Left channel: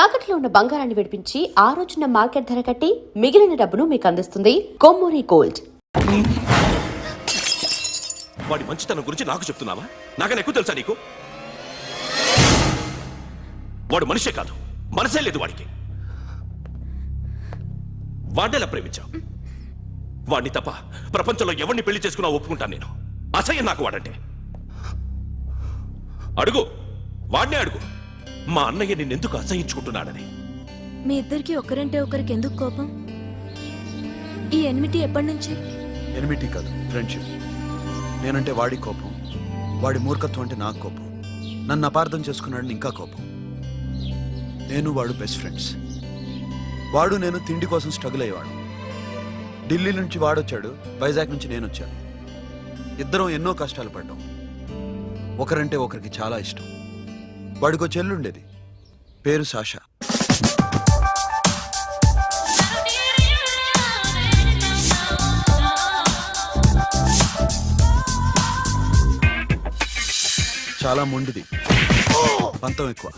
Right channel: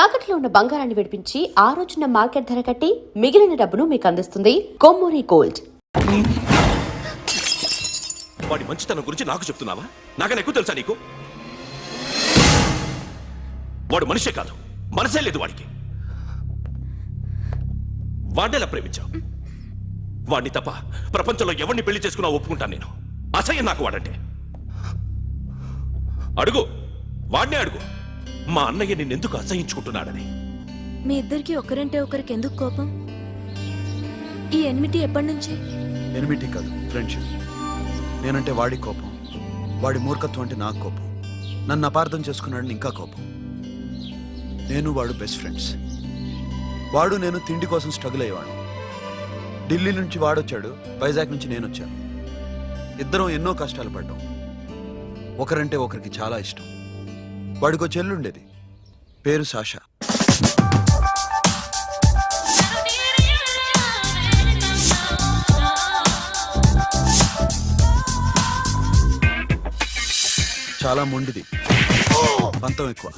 తాకట్లో ఉన్న బంగారాన్ని విడిపించి ఆ రోజున మార్కెట్ ధర కట్టి మిగిలిన డబ్బును మీకు అందిస్తుంది కొమ్మూరి గోల్డ్. వాడి మంచితనం గురించి నాకు చెప్తున్నావా? నాకన్నా ఎక్కువ తెలుసా నీకు? వాడు మనిషే కాదు, మనసే లేదు వాడికి. వాడేలా ప్రేమించావు? వాడిని తప్ప ప్రపంచంలో ఎవరిని పెళ్లి చేసుకున్నా ఒప్పుకుంటాను నేను. అసహ్యం నాకు వాడంటే. అడుగు, వాడినే అడుగు, మా అన్నయ్య నిన్నెందుకు అసహించుకుంటున్నాడని. మీ ఇద్దరికి ఒకరంటే ఒకరికి ఎందుకు కోపం? ఈ ఎనిమిటీ ఎప్పటి నుంచి? ఎనిమిటీ కాదు, ఫ్రెండ్షిప్. నేనంటే వాడి కోపం, వాడి మూర్ఖత్వం అంటే నాకు కోపం. నన్ను అపార్థం చేసుకున్నాడని ఇంకా కోపం. నేను వాడు బెస్ట్ ఫ్రెండ్స్. వాడు నేను తిండి కోసం స్ట్రగుల్ అయ్యేవాడు. ఢిల్లీ నుంచి వాడొచ్చాడు, వైజాగ్ నుంచి నేను వచ్చాను. ఇద్దరం ఎన్నో కష్టాలు పడ్డాం. ఒకరంటే ఒకరికి చాలా ఇష్టం. వాడికో చెల్లుండేది, పేరు సాషా. చాలా మొండిది, పంతం ఎక్కువ.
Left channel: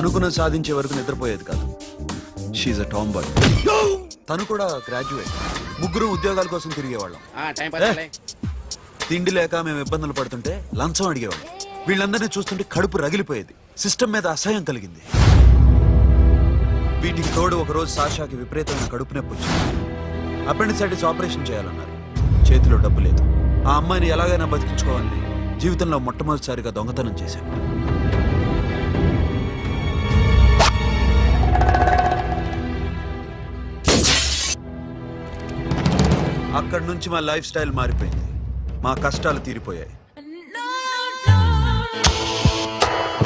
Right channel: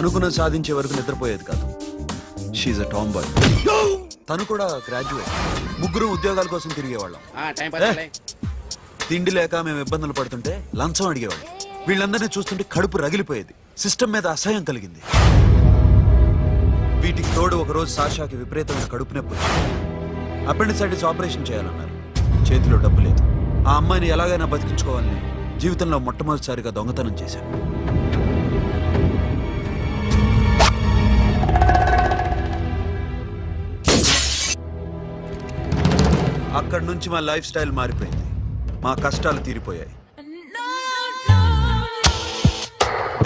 అనుకున్నది సాధించే వరకు నిద్రపోయేది కాదు. She a tomboy. తను కూడా గ్రాడ్యుయేట్. ముగ్గురు ఉద్యోగాల కోసం తిరిగేవాళ్ళం. తిండి లేక మేము ఇబ్బందులు పడుతుంటే లంచం అడిగేవాళ్ళం. వీళ్ళందరినీ చూస్తుంటే కడుపు రగిలిపోయేది. సిస్టమ్ మీద అసహ్యం కలిగింది. వీటికి తోడు ఒకరోజు సాషాకి విపరీతమైన కడుపు నొప్పి వచ్చింది. అపెండిసైటిస్ ఆపరేషన్ చేయాలన్నారు. చేతిలో డబ్బు లేదు. ఆ అమ్మాయిని ఎలాగైనా బతికించుకోవాలని జీవితంలో మొట్టమొదటిసారిగా దొంగతనం చేశాను. అక్కడి నుంచి మా లైఫ్ స్టైల్ మారిపోయింది. మా కష్టాలు తీరిపోయాయి.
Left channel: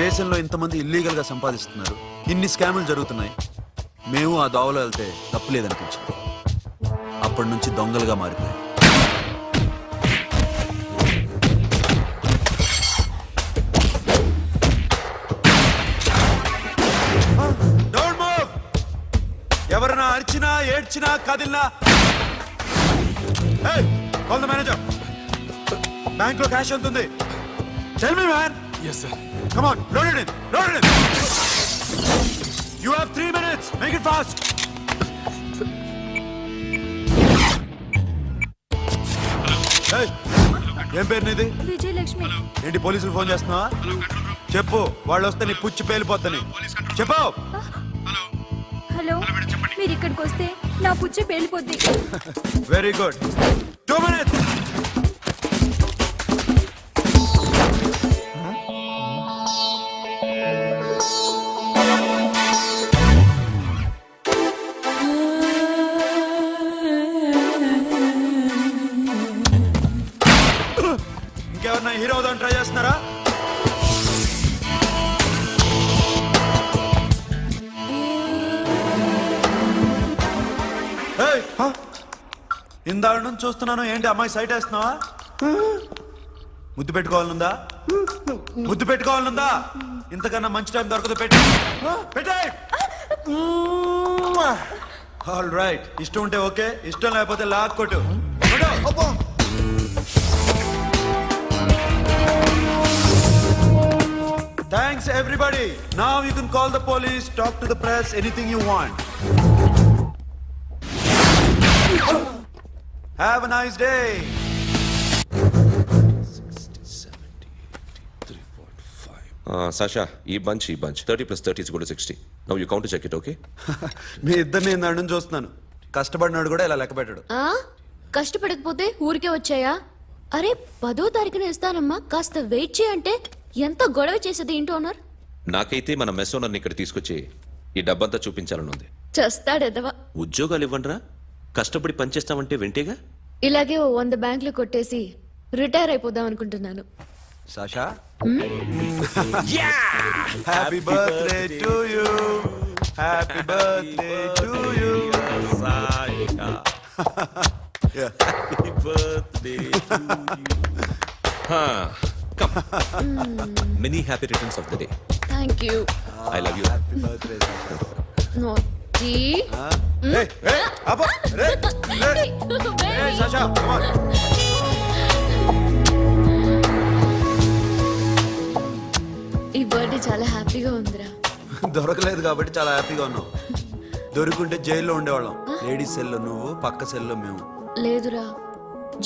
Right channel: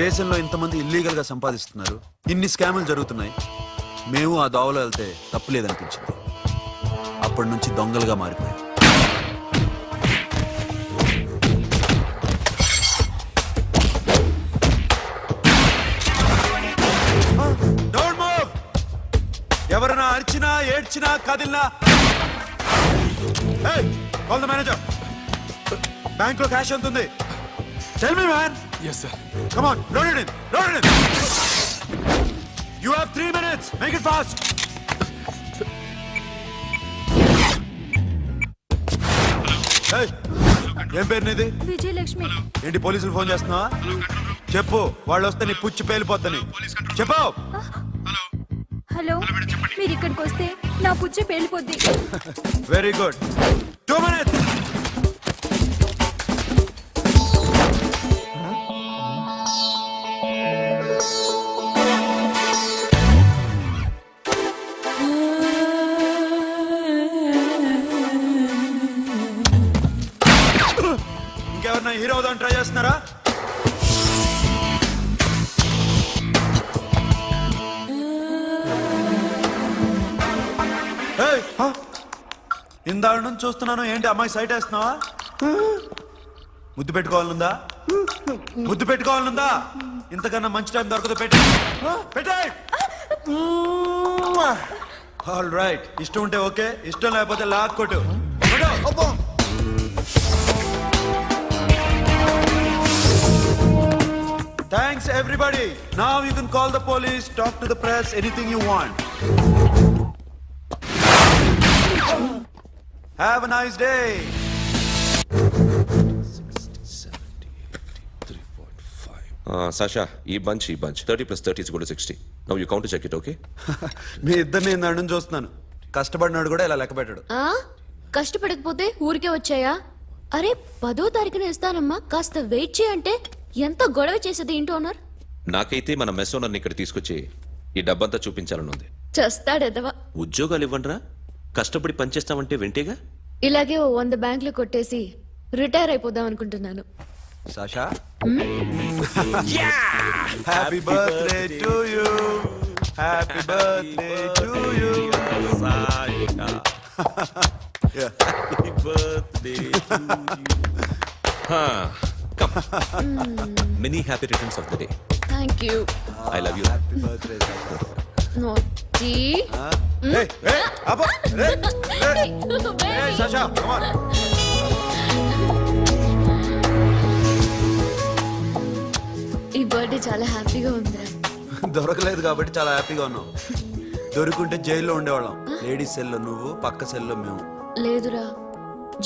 దేశంలో ఇంతమంది ఇల్లీగల్ గా సంపాదిస్తున్నారు, ఇన్ని స్కాములు జరుగుతున్నాయి. మేము ఆ దోవలో వెళ్తే తప్పులేదనిపించింది. అప్పటి నుంచి దొంగలుగా మారిపోయాం. ఎవరైనా అరిచినా ఏడ్చినా కదిలినా కాల్ ద మేనేజర్. బ్యాంక్ లో క్యాష్ ఎంత ఉంది? Tell me man. yes sir. come on, load it in, load it in. you have 3 minutes, make it fast. hey, ఏం పేరు నీది? విజయలక్ష్మి. ఏంటి పోలీసులు ఫోన్ చేస్తున్నావా? చెప్పు, వాళ్ళు వస్తే నీ పుచ్చి పేలిపోద్దని చెప్పు. హలో, మీరు ఇక్కడికి వస్తే నా పుచ్చే పేలిపోద్ది. Very good. 2 minutes. ఇంకెవరన్నా హీరో అవుదాం ట్రై చేస్తున్నారా? ఇందాక నుంచి చూస్తున్నాను, ఏంటి అమ్మాయి సైట్ వేస్తున్నావా? ముద్దు పెట్టుకోవాలనుందా? ముద్దు పెట్టుకోవాలనుందా? ఇంతకన్నా మంచి టైం దొరకదు. పెట్టే. ఆల్ రైట్, ఇష్టం ఉంటే ఓకే, ఇష్టం లేకపోతే లాక్ కొట్టు. Thanks everybody. Now you can call the police, talk to the press, anything you want. Have a nice day. 'Sasha, ఈ bunch 30 + 30 = 60. Now you count to check it, okay? మీ ఇద్దరిని నన్ను చూస్తున్నాను. కష్టపడినాడు కూడా ఇలా లెక్క పెట్టాడు. కష్టపడకపోతే ఊరికే వచ్చాయా? అరే 10వ తారీఖున ఇస్తానమ్మా, కాస్త వెయిట్ చేయంటే ఎంత గొడవ చేసేది ఇంటి ఓనర్. నాకైతే మన మెస్ ఓనర్ని ఇక్కడ తీసుకొచ్చి ఈ డబ్బంతా చూపించాలని ఉంది. చస్తాడెదవా. ఉద్యోగాలు ఇవ్వండిరా, కష్టపడి పనిచేస్తామంటే వింటేగా. ఇలాగే 100 బ్యాంకులు కొట్టేసి రిటైర్ అయిపోదాం అనుకుంటున్నాను. Sasha, happy birthday to you. Happy birthday to you Sasha. Happy birthday to you. Many happy returns of the day. Thank you. I love you. Happy birthday, Sasha. Naughty. Hey, Abba, hey, Sasha, come on. ఈ birthday చాలా హ్యాపీగా ఉందిరా. దొరకలేదు కాబట్టి చాలా హ్యాపీగా ఉన్నాం. దొరుకుంటే జైల్లో ఉండేవాళ్ళం. లేడీస్ సెల్లో నువ్వు, పక్క సెల్లో మేము. లేదురా,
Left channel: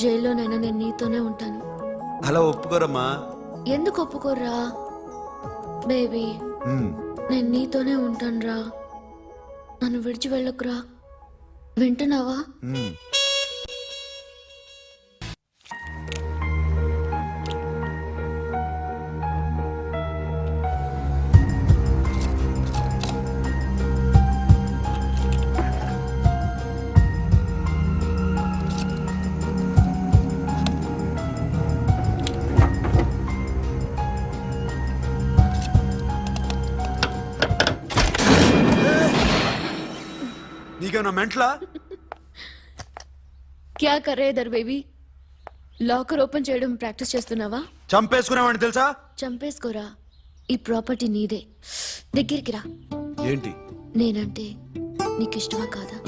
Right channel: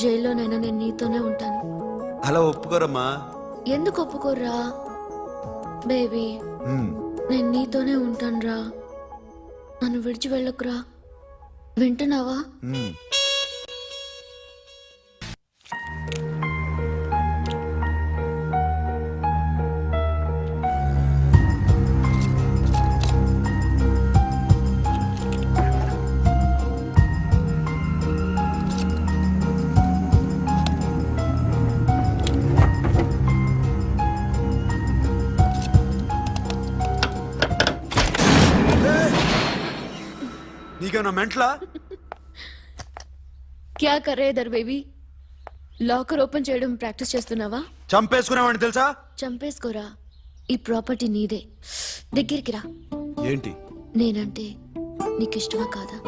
జైల్లోనైనా నేను నీతోనే ఉంటాను. అలా ఒప్పుకోరమ్మా. ఎందుకు ఒప్పుకోర్రా బేబీ? మ్మ్. నేను నీతోనే ఉంటానురా. నన్ను విడిచి వెళ్ళకురా. వింటున్నావా? మ్మ్. నీకేమన్నా మెంట్లా? క్యా కరే ఇధర్ బేబీ? లాకర్ ఓపెన్ చేయడం ప్రాక్టీస్ చేస్తున్నావా? చంపేసుకున్నావని తెలుసా? చంపేసుకోరా. ఈ ప్రాపర్టీ నీదే. దగ్గరికి రా. ఏంటి? నేనంటే నీకు ఇష్టమా కాదా?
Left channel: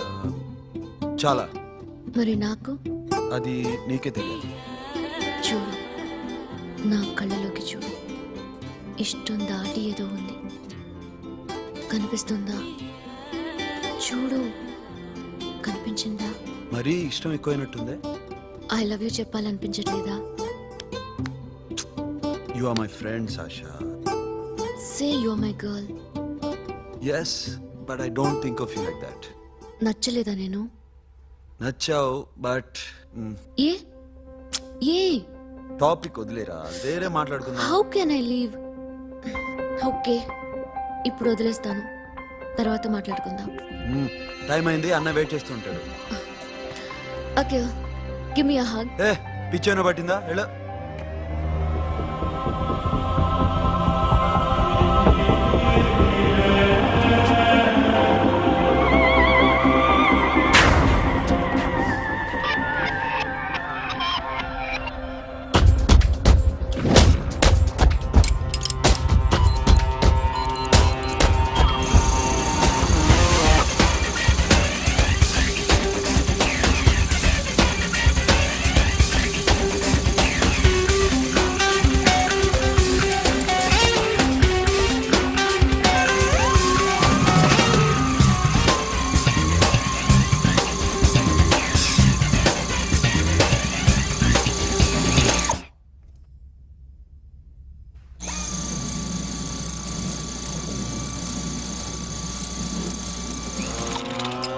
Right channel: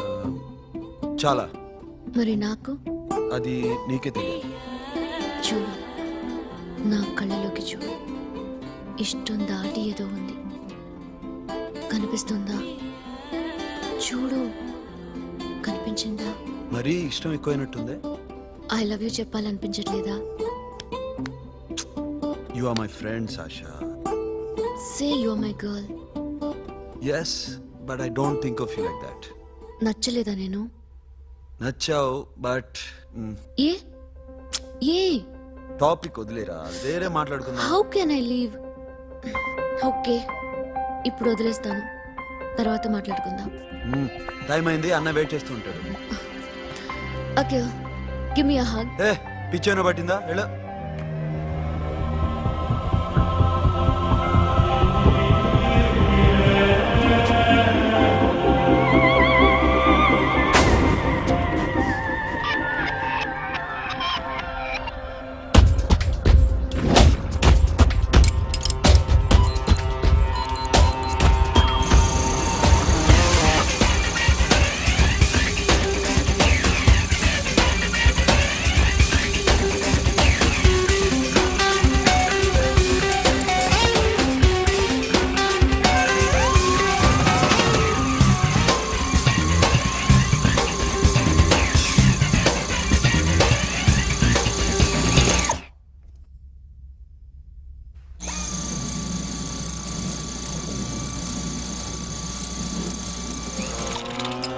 చాలా. మరి నాకు? అది నీకే తెలియాలి. చూడు, నా కళ్ళలోకి చూడు. ఇష్టం దాటి ఏదో ఉంది. కనిపిస్తుందా? చూడు, కనిపించిందా? మరీ ఇష్టం ఎక్కువైనట్టుందే. ఐ లవ్ యూ చెప్పాలనిపించట్లేదా? You are my friend Sasha. Say you are my girl. Yes, but I don't think of you like that. నచ్చలేదా నేను? నచ్చావు, బట్ ఏ ఏ టాపిక్ వదిలేరా, వేరే మాట్లాడుకుందాం. How can I leave? Okay, ఇప్పుడు వదిలేస్తాను. తర్వాత మాట్లాడుకుందాం. టైం అయింది, అన్న వెయిట్ చేస్తూ ఉంటాడు. Okay, give me a hug. ఏ పిచ్చోన పట్టిందా? వెళ్ళు.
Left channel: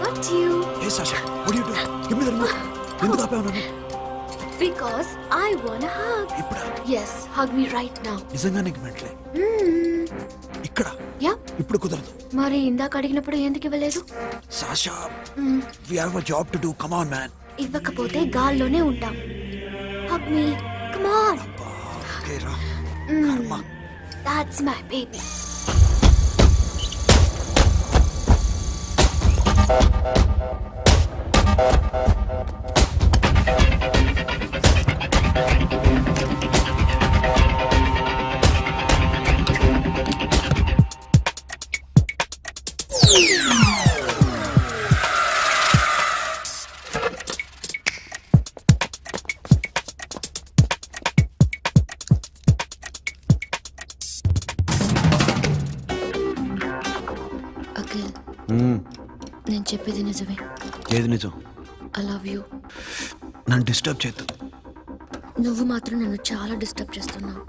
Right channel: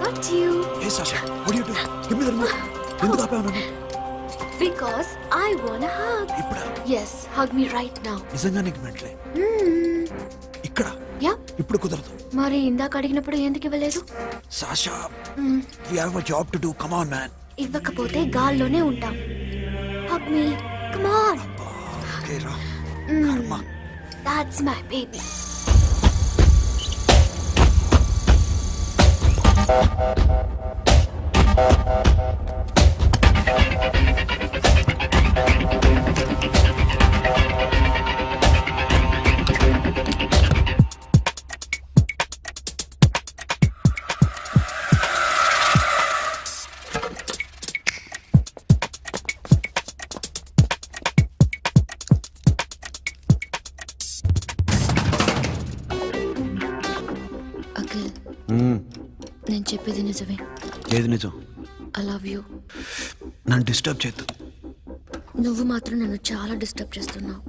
What you? ఏ Sasha, what are you doing? Give me the remote. ఎందుకు ఆపావు నన్ను? Because I want a hug. ఇప్పుడా? Yes, hug me right now. నిజంగా నీకు మెంట్లే? ఇక్కడ Yeah. ఇప్పుడు కుదరదు. మరి ఇందాక అడిగినప్పుడు ఎందుకు ఇవ్వలేదు? Sasha, we have a job to do. Come on, man. ఇవ్వకపోతే గాల్లోనే ఉంటాం. Hug me. Come on. Okay, రా. కర్మ. That's my baby. అఖిల్, నేను చెప్పేది నిజమే. ఏది నిజం? I love you. నన్ను డిస్టర్బ్ చేయొద్దు. నువ్వు మాత్రం నన్ను చాలా డిస్టర్బ్ చేస్తున్నావు.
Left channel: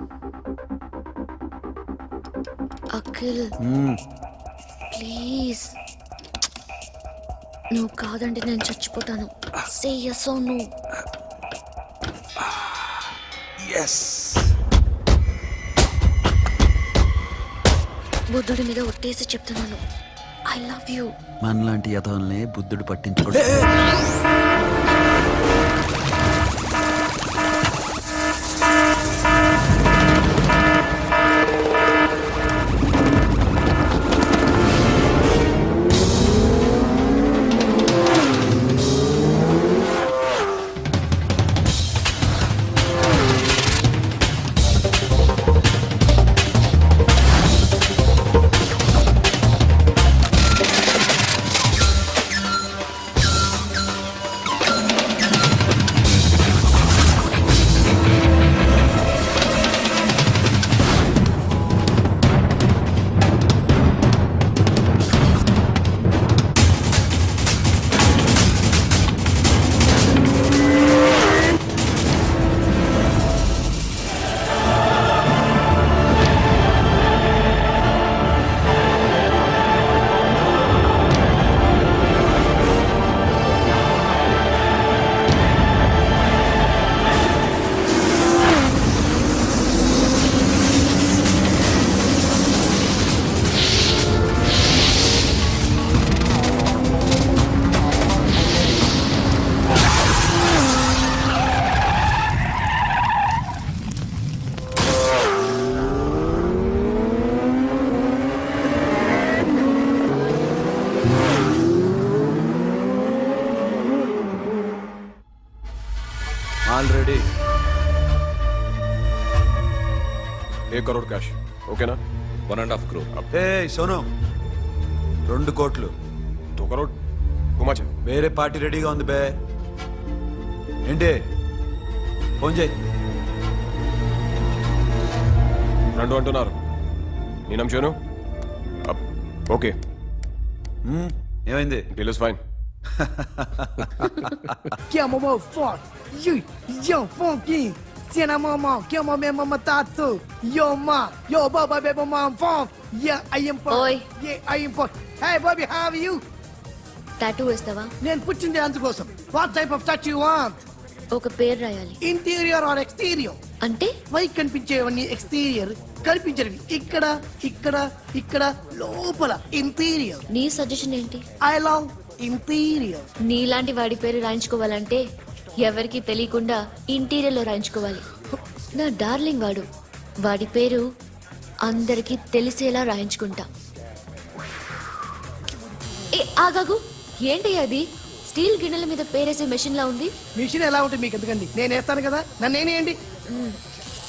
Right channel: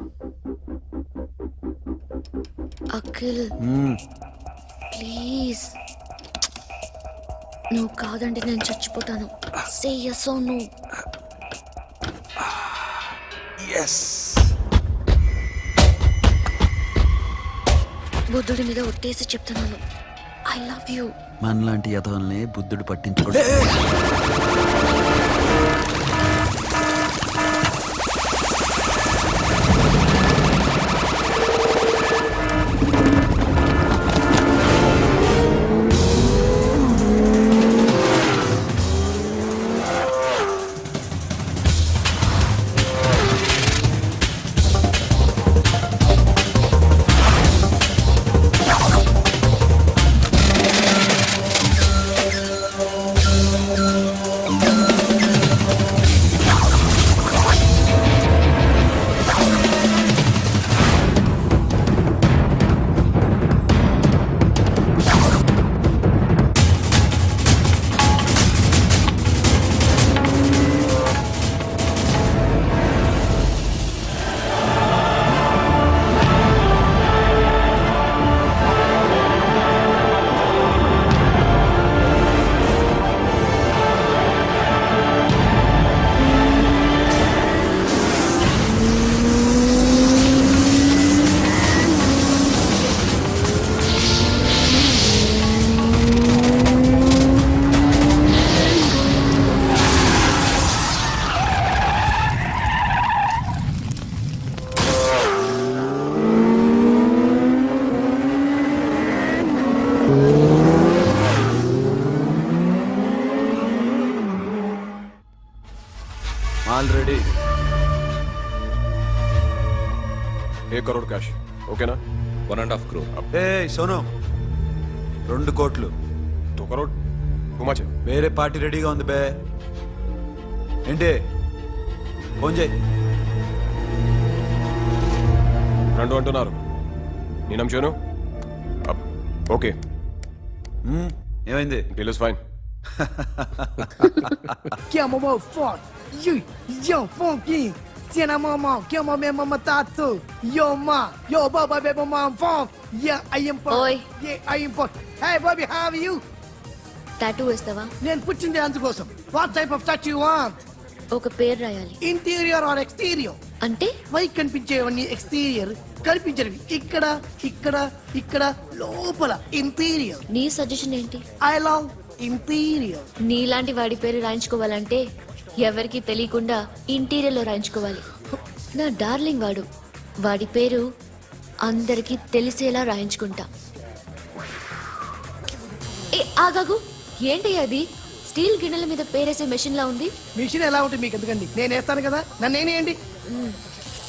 అఖిల్ ప్లీజ్, నువ్వు కాదంటే నేను చచ్చిపోతాను. Say yes or no. Yes. బుద్ధుడి మీద ఒట్టేసి చెప్తున్నాను. I love you. మనలాంటి యథోల్ని బుద్ధుడు పట్టించుకోడు. ఆల్రెడీ 1 करोड़ कैश ओकेना 1.5 crore. ఏ సోను 2 కోట్లు 2 करोड़ टू मच వేరే పార్టీ రెడీగా ఉంది బే ఏంటి ఫోన్ చేయి రెండు అంటున్నారు నీ నమ్మేను ఓకే ఏమైంది deal is fine Que é mamão forte. Yo, funky. Cena mamão, que é mamão mamão tatu. Yo, ma. Yo, baba, baby, mom, funk. Yeah, I am funk. Oi. Yeah, I am funk. Hey, Bobby, how are you? Tattoo వేస్తావా? నేను పుట్టింది అందుకోసం. What type of tattoo you want? ఒక పేరు రాయాలి. Interior or exterior? అంటే పై కనిపించేవన్నీ exterior, కనిపించేవి ఇక్కడ ఇక్కడ ఇక్కడ లోపల ఇంటీరియర్. నీ సజెషన్ ఏంటి? I love interior. నీలాంటి వాడి పేరు రాయించుకోవాలంటే ఎవరికి తెలియకుండా ఇంటీరియర్ లో రాయించుకోవాలి. నా డార్లింగ్ వాడు. వాడి పేరు అందరికి తెలిసేలా రాయించుకుంటా. ఏ ఆగాగు, ఏంటి అది? స్టీల్ గిన్నెల మీద పేరేసే మెషిన్ లా ఉంది. మిషన్ ఎలా ఉంటుంది మీకు ఎందుకండి? నేను వేస్తాను కదా, నన్ను నేనేయండి.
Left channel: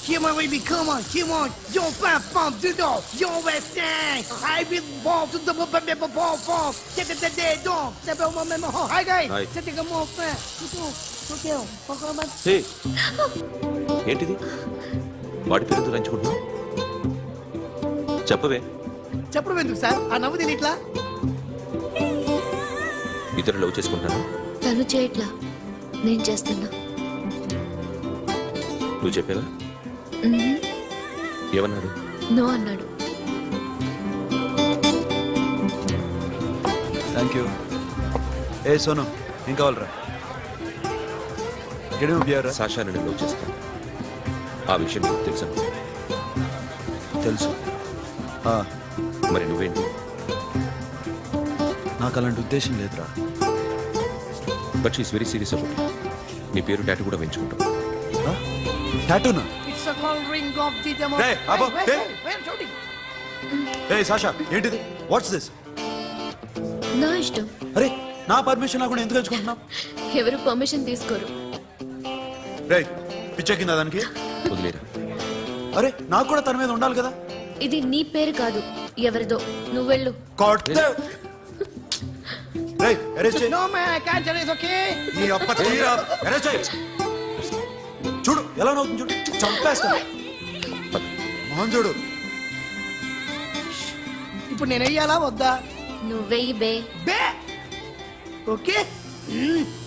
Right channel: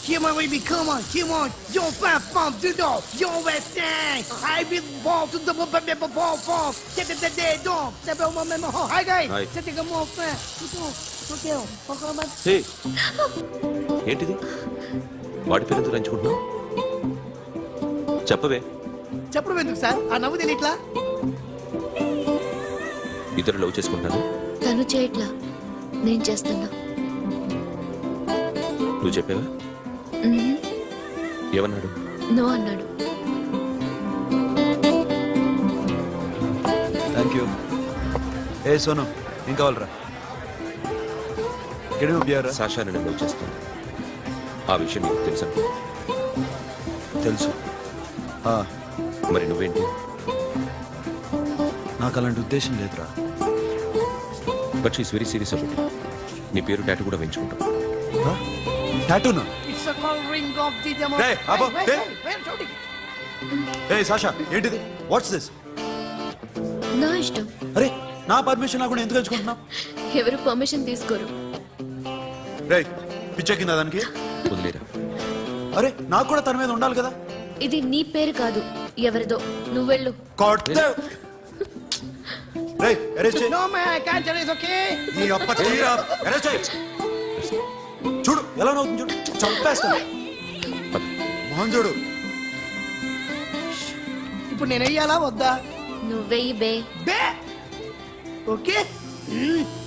Come on, baby, come on, come on. Yo, fat pump, do do. Yo, West End. I will ball to the ball, ball. Get the day, dog. The bell, mama, hi, guys. Hi. Set the more fat. Okay, okay. హే ఏంటిది వాడి పేరు ఎందుకు రంచుకుంటున్నావు చెప్పవే. చెప్పడం ఎందుకు sir? ఆ నవ్వు తిని ఇద్దరు లవ్ చేసుకుంటాను. తను చేయట్లా, నేను చేస్తున్నా. నువ్వు చెప్పావా? ఏమన్నాడు? నో అన్నాడు. Thank you. ఏ సోను ఏం కావాలరా? గడి ఉపయోగరా? సాషా నేను లవ్ చేస్తాను. ఆ విషయం నీకు తెలుసు అనుకో. తెలుసు. మరి నువ్వేంటి? నాకు అలాంటి ఉద్దేశం లేదురా. But she's very serious about it. నీ పేరు టాటూ కూడా వేయించుకుంటాం. టాటూనా? It's a call ring of the demo. Hey, Abo, hey. Where shooting? ఏ సాషా ఏంటిది? What's this? నా ఇష్టం. అరే నా పర్మిషన్ లేకుండా ఎందుకు ఎంచుకుంటున్నావు? ఎవరు పర్మిషన్ తీసుకోరు. రే పిచ్చెక్కిందా దానికి? వదిలేరా. అరే నాకు కూడా తన మీద ఉండాలి కదా. ఇది నీ పేరు కాదు, ఎవరిదో. నువ్వెళ్ళు. కొట్టేవ్. రే అరెస్ట్ చేయి. No man, I can't tell it's okay. నీ అప్ప తీరా అరెస్ట్ చేయి. చూడు ఎలా నవ్వుతుంది చూడు. చంపేస్తా. మోహన్ చూడు. ఇప్పుడు నేను వెయ్యాలా వద్దా? నువ్వెయ్యి బే. బే ఓకే.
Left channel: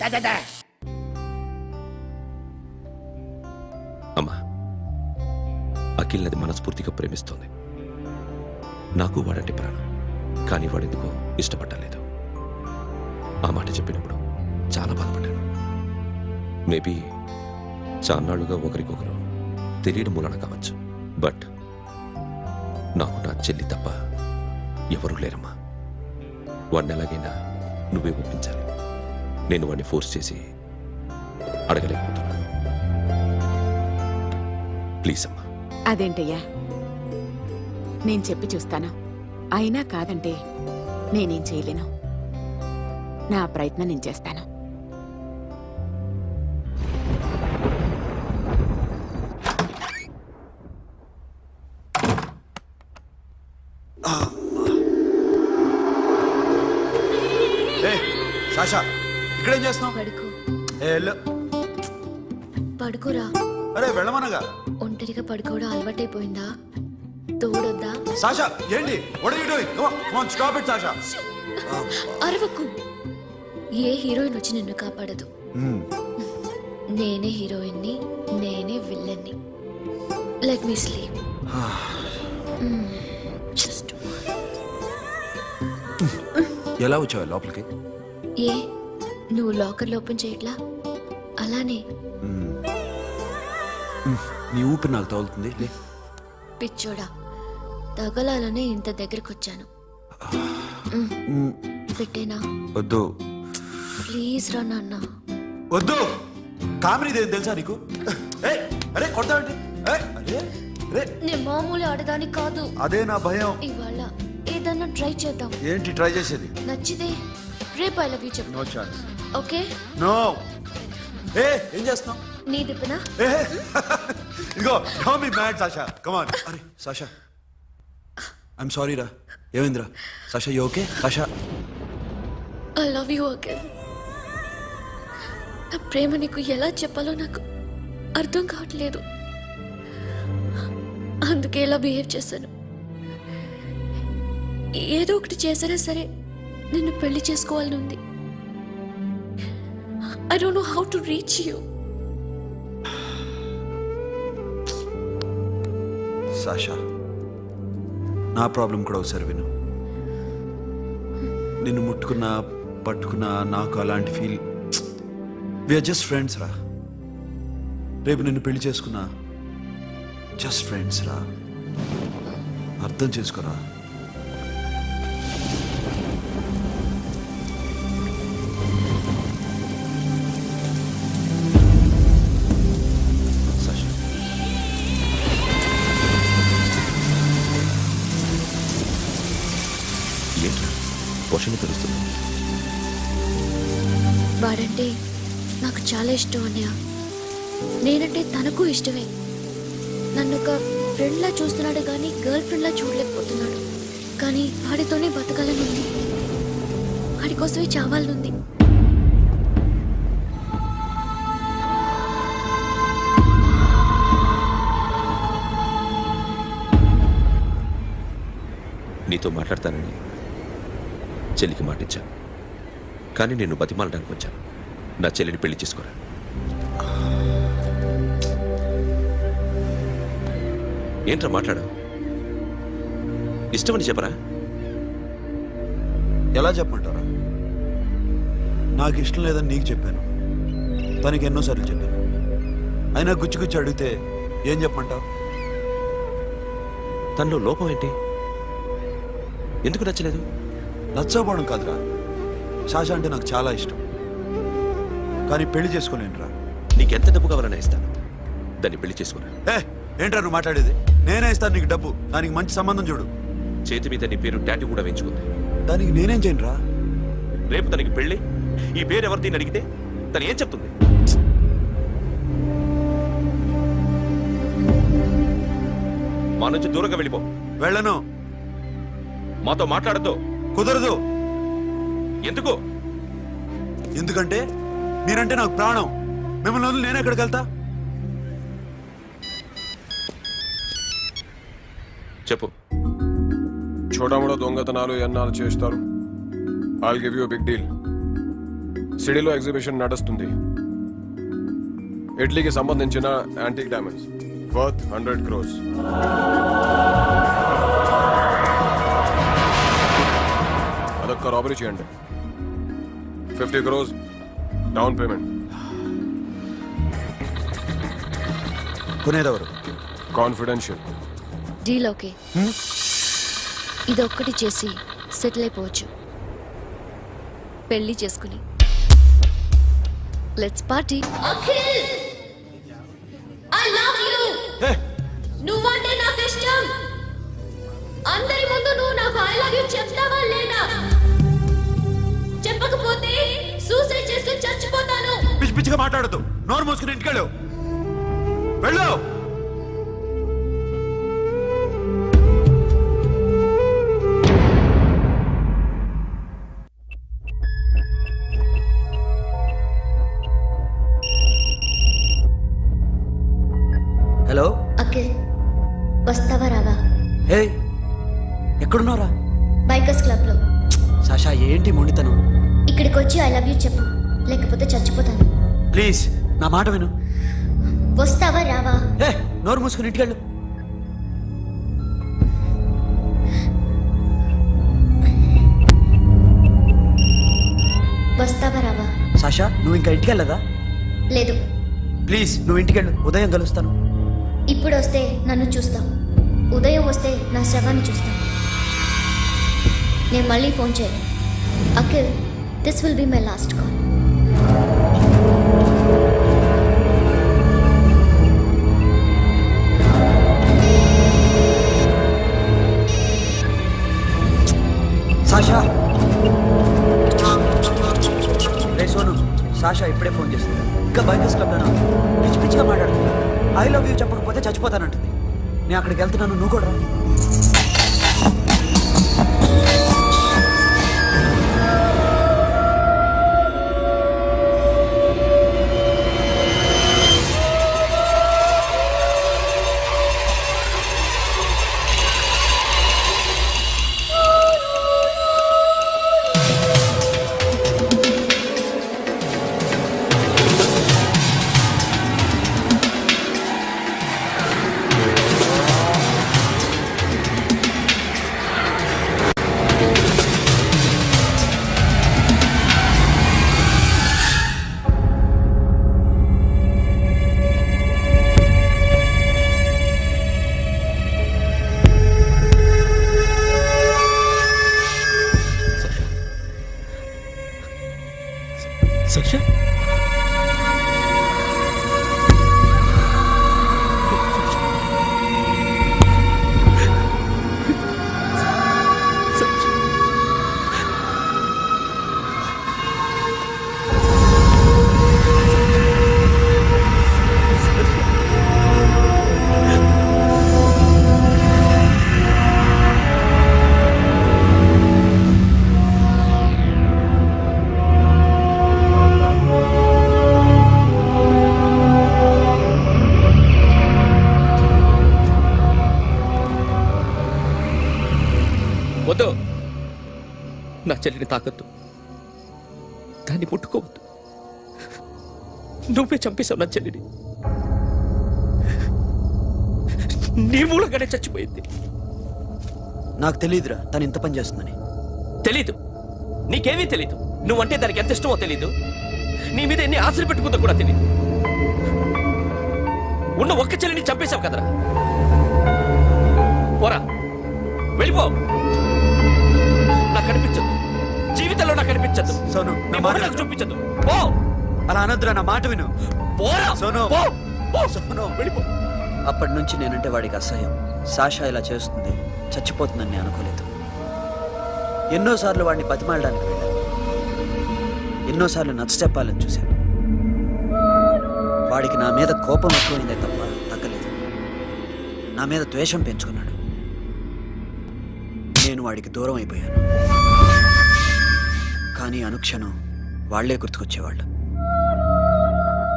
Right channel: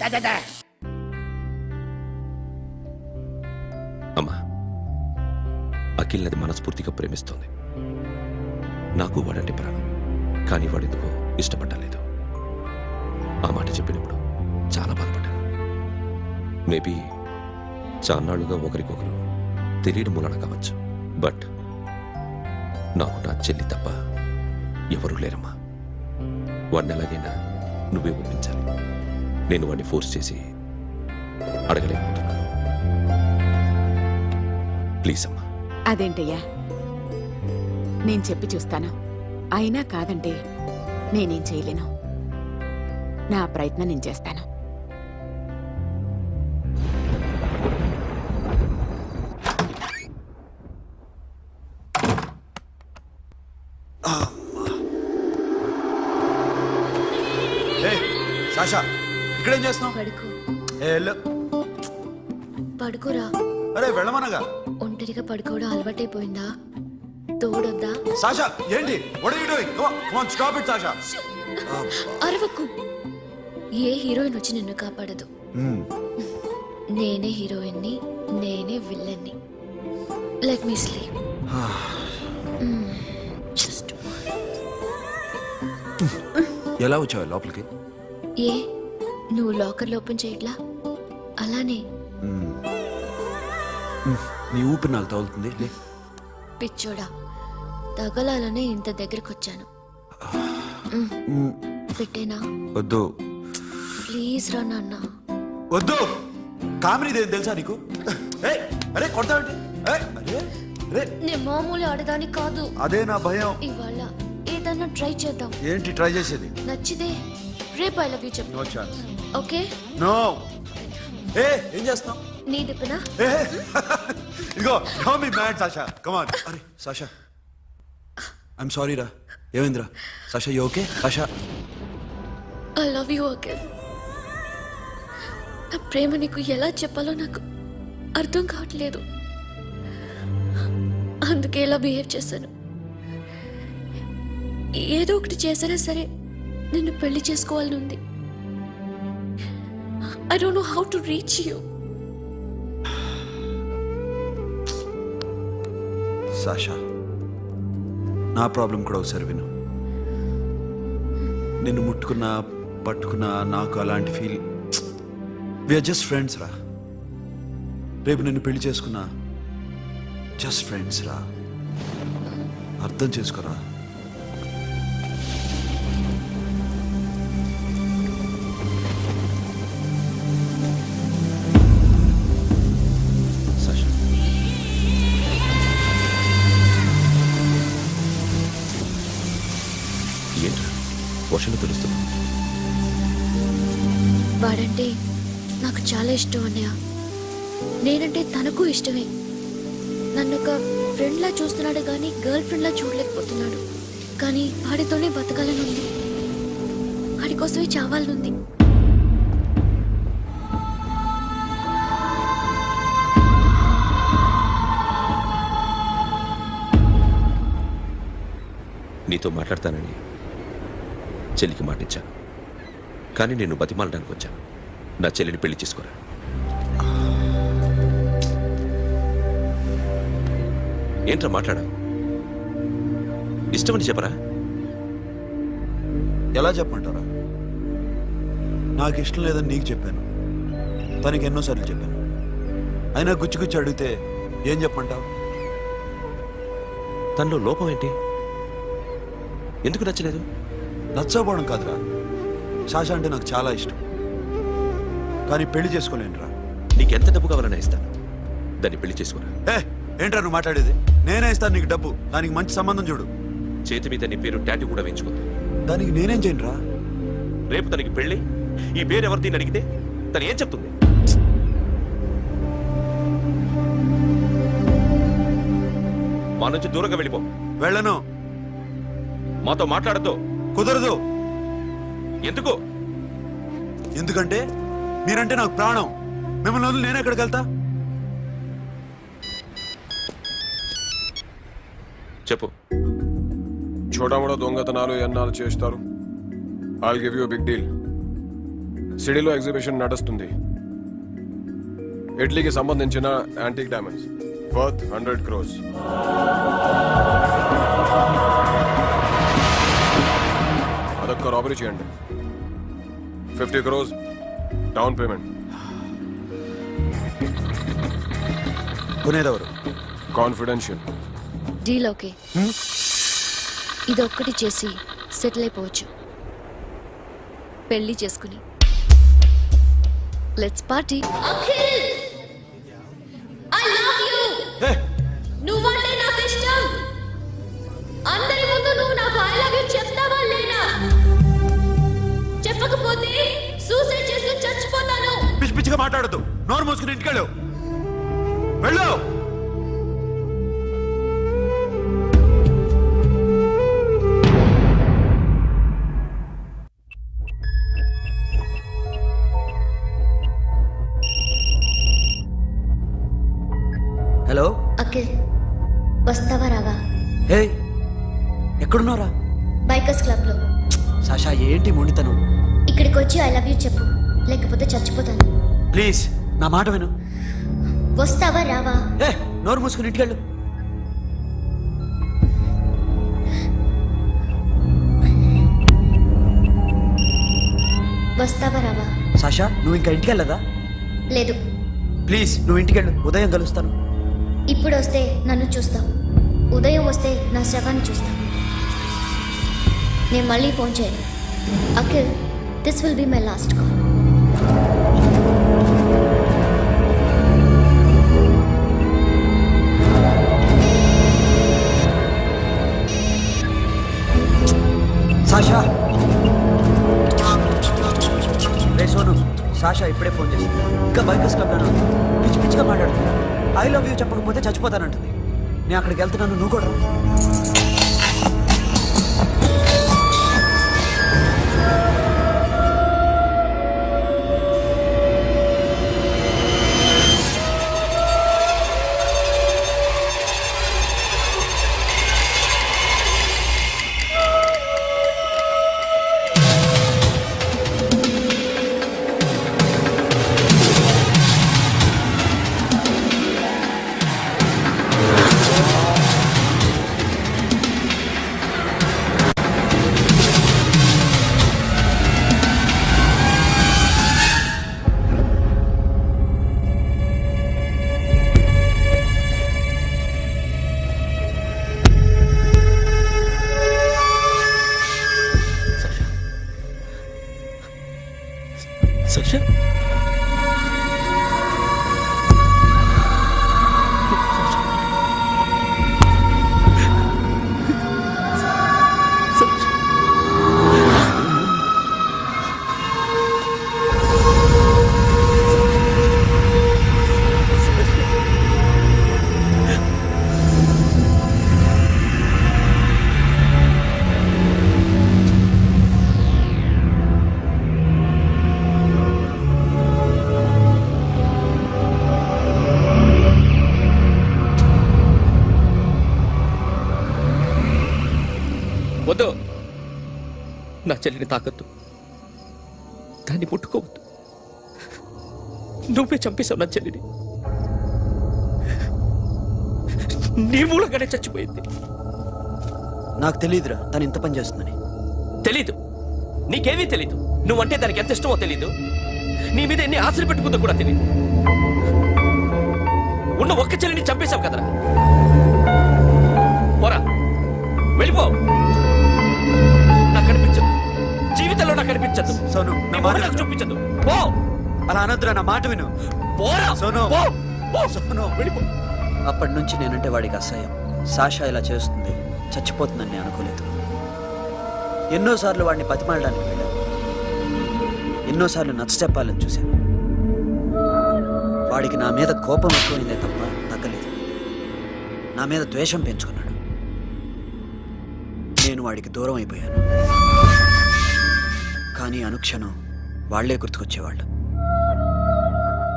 Da da da. అమ్మా, అఖిల్ నది మనస్ఫూర్తిగా ప్రేమిస్తోంది. నాకు వాడంటే ప్రాణం. కానీ వాడెందుకో ఇష్టపడలేదు. ఆ మాట చెప్పినప్పుడు చాలా బాధపడ్డాను. మేబీ చాన్నాళ్ళుగా ఒకరికొకరు తెలియడం మూలన కావచ్చు. బట్ నాకు నా చెల్లి తప్ప ఎవరూ లేరమ్మా. వాడిని ఎలాగైనా నువ్వే ఒప్పించాలి. నేను వాడిని ఫోర్స్ చేసి అడగలేకపోతున్నాను. ప్లీజ్ అమ్మా. అదేంటయ్యా, నేను చెప్పి చూస్తాను. అయినా కాదంటే నేనేం చేయలేను. నా ప్రయత్నం నేను చేస్తాను. ఏ సాషా ఇక్కడేం చేస్తున్నావు? పడుకో. ఏ వెళ్ళు. పడుకోరా. అరే వెళ్ళమనగా. ఒంటరిగా పడుకోవడం అలవాటైపోయిందా? తోడొద్దా? సాషా ఏంటి? What are you doing? Come on stop it Sasha. అరవకు. ఏ హీరోయిన్ వచ్చి నిన్ను కాపాడదు. నేనే హీరోయిన్ని, నేనే విల్లన్ని. Let me sleep. జస్ట్ ఎలా వచ్చావు లోపలికి? ఏ నువ్వు లాకర్ ఓపెన్ చేయట్లా? అలానే. నీ ఊపిరి నాకు తగులుతుంది. లే. పిచ్చోడా, తగలాలనే ఇంత దగ్గరకొచ్చాను. పెట్టేనా? వద్దు ప్లీజ్ రా నాన్న. వద్దు. కామినీదేం తెలుసా నీకు? ఏయ్, అరే కొడతావేంటి? ఏయ్, అరే అరే నేను మామూలు ఆడదాని కాదు. అదే నా భయం. ఇవాళ ఏదన్నా ట్రై చేద్దాం. ఏంటి ట్రై చేసేది? నచ్చితే రేపు ఐ లవ్ యూ చెప్పు. No chance. ఓకే? నో. ఏ ఏం చేస్తున్నావు? నీ దిప్పునా ఇదిగో don't be mad Sasha come on అరే సాషా ఐఎమ్ సారీ రా ఏమైందిరా Sasha you okay Sasha I love you Akhil. నా ప్రేమ నీకు ఎలా చెప్పాలో నాకు అర్థం కావట్లేదు. అందుకే ఇలా బిహేవ్ చేశాను. ఏదో ఒకటి చేసినా సరే నిన్ను పెళ్లి చేసుకోవాలని ఉంది. I don't know how to reach you. Sasha నా ప్రాబ్లం కూడా ఒకసారి విను. నిన్ను ముట్టుకున్నా పట్టుకున్నా నాకు అలాంటి ఫీల్ వీఆర్ జస్ట్ ఫ్రెండ్స్ రా. రేపు నిన్ను పెళ్లి చేసుకున్నా జస్ట్ ఫ్రెండ్స్ రా. అర్థం చేసుకోరా. సాషా ఏంట్రా వర్షంలో తెలుస్తున్నావు? వాడంటే నాకు చాలా ఇష్టం అన్నయ్య. నేనంటే తనకు ఇష్టమే. నన్ను ఒక ఫ్రెండ్లా చూస్తున్నాడు కానీ గర్ల్ ఫ్రెండ్లా చూడలేకపోతున్నాడు. కానీ వాడితోనే బతకాలని ఉంది. వాడి కోసమే చావాలనుంది. నీతో మాట్లాడతానని చెల్లికి మాటిచ్చాను, కానీ నేను బతిమాలడానికి వచ్చాను. నా చెల్లిని పెళ్లి చేసుకోరా. ఏంట్రా మాట్లాడావు? ఇష్టమని చెప్పరా? ఎలా చెప్పమంటారా? నాకు ఇష్టం లేదని నీకు చెప్పాను, తనకి ఎన్నోసార్లు చెప్పాను. అయినా గుచ్చి గుచ్చి అడిగితే ఏం చెప్పమంటావు? తనలో లోపం ఏంటి? ఎందుకు నచ్చలేదు? నచ్చకపోవడం కాదురా, సాషా అంటే నాకు చాలా ఇష్టం, కానీ పెళ్లి చేసుకోలేనురా. నీకెంత డబ్బు కావాలన్నా ఇస్తాను, దాన్ని పెళ్లి చేసుకోరా. ఏంట్రా నువ్వు మాట్లాడేది? నేనే ఇస్తాను నీకు డబ్బు, దానికి మంచి సంబంధం చూడు. చేతి మీద నీ పేరు టాటూ కూడా వేయించుకుంది. దానికి నేనేం చేయనురా? రేపు తనకి పెళ్లి, ఈ పేరు ఎవరిది అని అడిగితే తను ఏం చెప్తుంది? మా నుంచి దూరంగా వెళ్ళిపో. వెళ్ళను. మాతో మాట్లాడద్దు. కుదరదు. ఎందుకు? ఎందుకంటే మీరంటే నాకు ప్రాణం. మిమ్మల్ని వదిలి నేను ఎక్కడికి వెళ్తా? చెప్పు. చోటామోడా దొంగతనాలు ఎన్నాళ్ళు చేస్తారు? I'll give you big deal. సిటీలో ఎగ్జిబిషన్ నడుస్తుంది. ఇటలీకి సంబంధించిన యాంటిక్ డైమండ్స్ వర్త్ 100 crores. అదొక్క రాబరీ చేయండి. 50 crores డౌన్ పేమెంట్. కొనేదెవరు? కాన్ఫిడెన్షియల్. Deal okay. ఇదొక్కటి చేసి సెటిల్ అయిపోవచ్చు. పెళ్లి చేసుకుని let's party. Akhil, I love you. నువ్వంటే నాకు ఇష్టం. అందరి ముందు నువ్వు నాకు ఐ లవ్ యు చెప్తావా లేదా? చెప్పకపోతే సూసైడ్ చేసుకుని చచ్చిపోతాను. పిచ్చి పిచ్చిగా మాట్లాడద్దు. నోరు మూసుకుని ఇంటికెళ్ళు. వెళ్ళు. హలో అఖిల్, వస్తావా రావా? హే ఎక్కడున్నారా? బైకర్స్ క్లబ్ లో. సాషా ఏంటి మొండితనం? ఇక్కడికి వచ్చి ఐ లవ్ యూ చెప్పు, లేకపోతే చచ్చిపోతాను. ప్లీజ్ నా మాట విను. వస్తావా రావా? హే నోరు మూసుకుని ఇంటికెళ్ళు. వస్తావా రావా? సాషా నువ్వు ఇంకా ఇంటికెళ్ళదా? లేదు. ప్లీజ్ నువ్వు ఇంటికెళ్ళు, ఉదయం కలుస్తాను. ఇప్పుడు వస్తే నన్ను చూస్తావు, ఉదయం వస్తే నా శవాన్ని చూస్తావు. నేను మళ్ళీ ఫోన్ చేయను. Akhil, this will be my last call. Sasha ray Sonu, Sasha ఇప్పుడే ఫోన్ చేసింది. ఇంకా బైకర్స్ క్లబ్లోనే ఉంది. పిచ్చి పిచ్చిగా మాట్లాడుతుంది. ఐ లవ్ యూ చెప్పకపోతే చచ్చిపోతానంటుంది. నేను అక్కడికి వెళ్తున్నాను, నువ్వు కూడా రా. సషా సషా వద్దు, నా చెల్లిని తాకద్దు, దాన్ని ముట్టుకోవద్దు. నువ్వే చంపేశావు నా చెల్లిని. నీ మూలంగానే చచ్చిపోయింది. నాకు తెలియదురా తను ఇంత పని చేస్తుందని. తెలీదు, నీకేమీ తెలీదు. నువ్వంటే దానికి ఎంత ఇష్టమో తెలీదు. నీ మీద ఎన్ని ఆశలు పెట్టుకుందో కూడా తెలీదు. ఉన్న ఒక్క చెల్లిని చంపేశావు కదరా. పోరా, వెళ్ళిపో. నాకు కనిపించదు, జీవితంలో నాకు కనిపించదు. సోను, నీ నా మొహం మాట నాకు విను. చూపించదు. పో, అలా అనొద్దురా, నా మాట విను. పోరా, సోను. పో, పో. సోను. వెళ్ళిపో. అప్పటి నుంచి నేనంటే వాడికి అసహ్యం. సాషా ఇలా చేస్తుంది, చచ్చిపోతుందని నేను అనుకోలేదు. ఎన్నోసార్లు వాడిని బతిమాలడానికి వెళ్ళాను. ఎన్నోసార్లు నచ్చ చెప్పాలని చూశాను. వాడికి నా మీద కోపం ఎక్కువైందే తప్ప తగ్గలేదు. నా మీద ద్వేషం పెంచుకున్నాడు. నేను వాడికి దూరం అయిపోయాను. కానీ అనుక్షణం వాళ్లే గుర్తుకొచ్చేవాళ్ళు.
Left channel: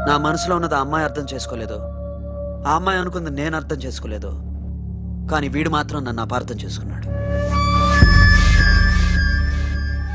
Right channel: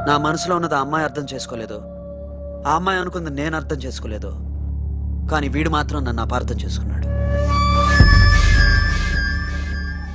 నా మనసులో ఉన్నది ఆ అమ్మాయి అర్థం చేసుకోలేదు, ఆ అమ్మాయి అనుకుంది నేను అర్థం చేసుకోలేదు. కానీ వీడు మాత్రం నన్ను అపార్థం చేసుకున్నాడు.